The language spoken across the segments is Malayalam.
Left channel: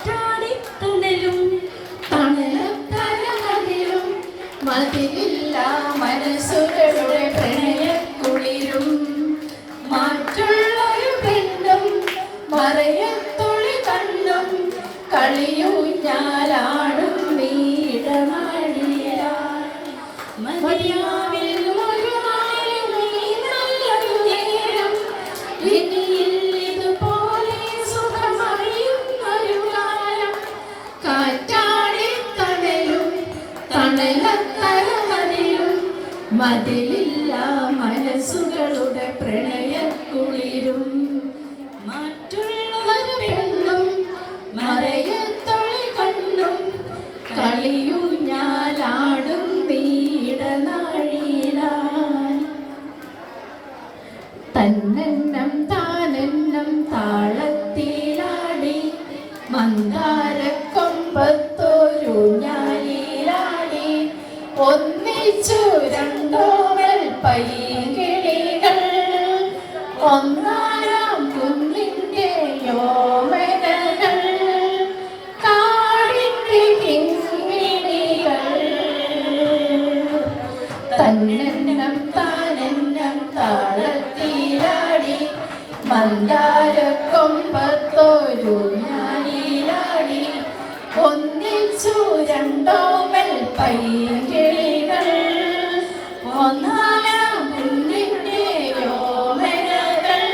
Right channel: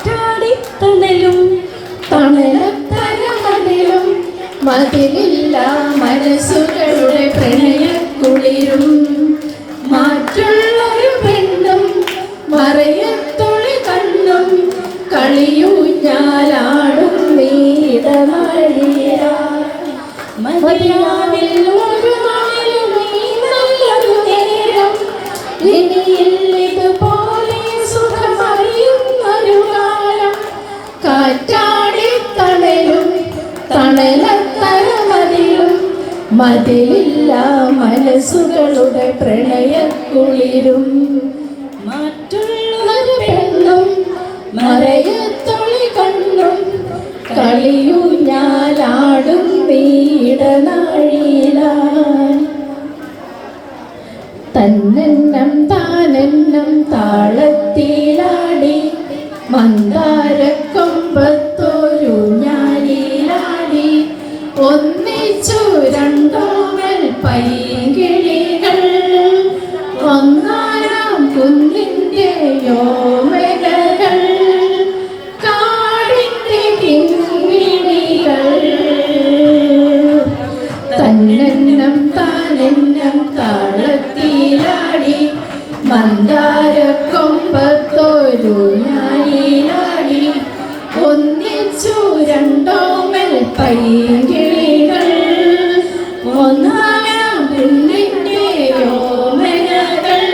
കാറ്റാടിത്തണലും തണലത്തരമതിലും മതിലില്ല മനസ്സുകളുടെ പ്രണയക്കുളിരും മാറ്റുള്ളൊരു പെണ്ണും മറയത്തൊളി കണ്ണും കളിയൂഞ്ഞാലാടും നീടമഴീര മതിയാവിൽ ഒരു നാളിൽ നീ നല്ലൊരു നേരം ഇനിയില്ലിതുപോലെ സുഖമറിയുന്നൊരു കാലം കാറ്റാടിത്തണലും തണലത്തരമതിലും മതിലില്ല മനസ്സുകളുടെ പ്രണയക്കുളിരും മാറ്റുള്ളൊരു പെണ്ണും മറയത്തൊളി കണ്ണും കളിയൂഞ്ഞാലാടും വീടനാഴിയിലാൻ തന്നെന്നം താനെന്നം താളത്തിലാടി മന്ദാരക്കൊമ്പത്തോരു ഞാലിലാടി ഒന്നിച്ചു രണ്ടോമൽ പൈകിളികൾ ഒന്നാനാം കുന്നിൻ്റെ യോമനകൾ കാടിൻ്റെ കിങ്ങിണികൾ തന്നെന്നം താനെന്നം താളത്തിലാടി മന്ദാരക്കൊമ്പത്തോരു ഞാലിലാടി ഒന്നിച്ചു രണ്ടോമൽ പൈകിളികൾ ഒന്നാനാം കുന്നിൻ്റെ യോമനകൾ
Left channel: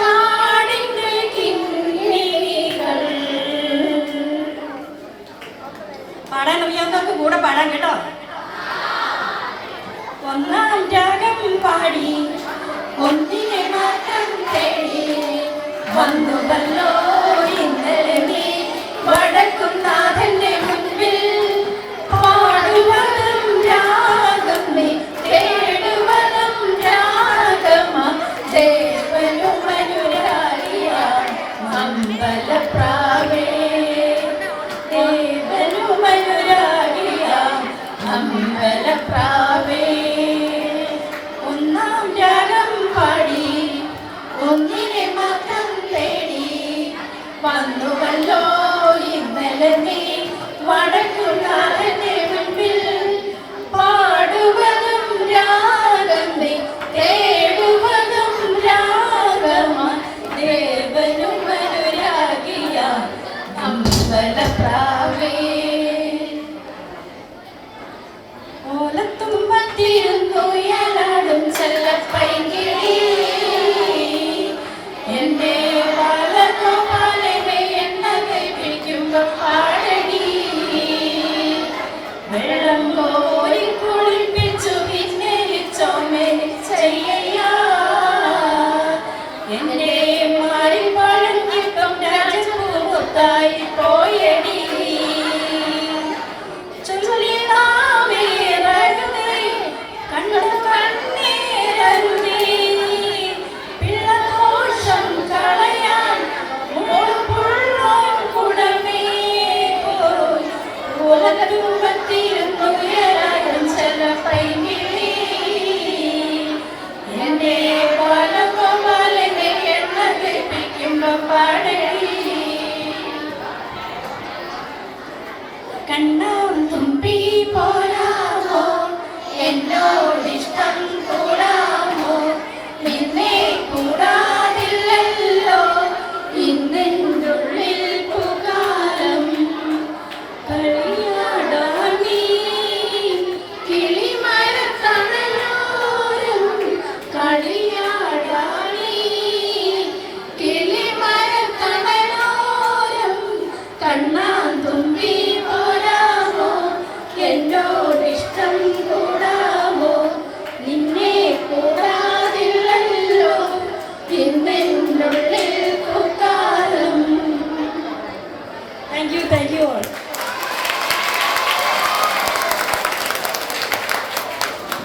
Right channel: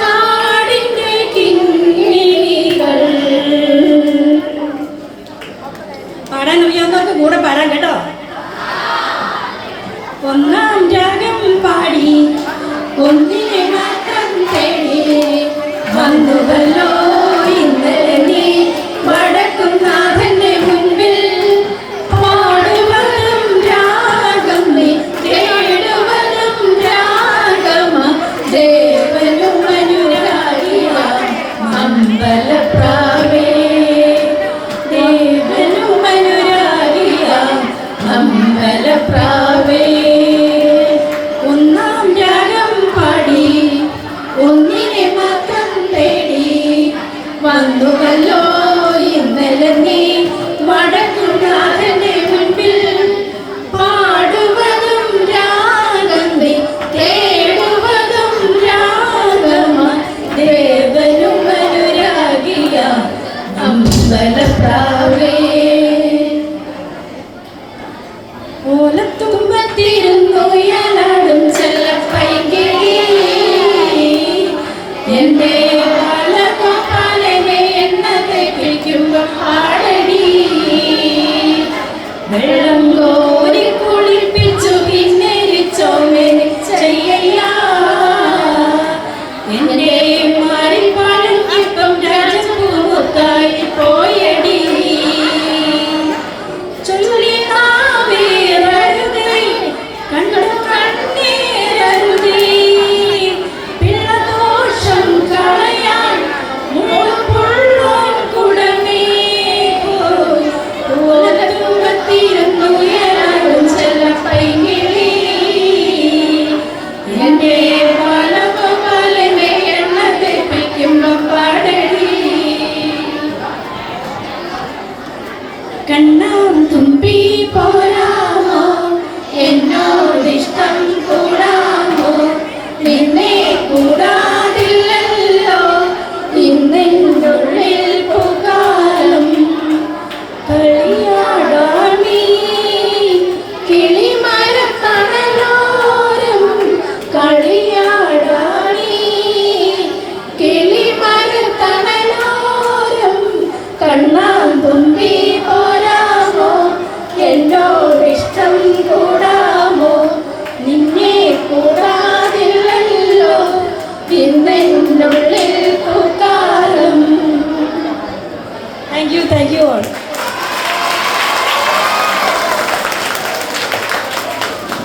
കാടിൻ്റെ കിങ്ങിണികൾ. പാടാൻ അറിയാവുന്നവർക്ക് കൂടെ പാടാൻ കേട്ടോ. ഒന്നാം രാഗം പാടി ഒന്നിനെ മാത്രം തേടി ഉള്ളിൽ പൂക്കാലം. Thank you all.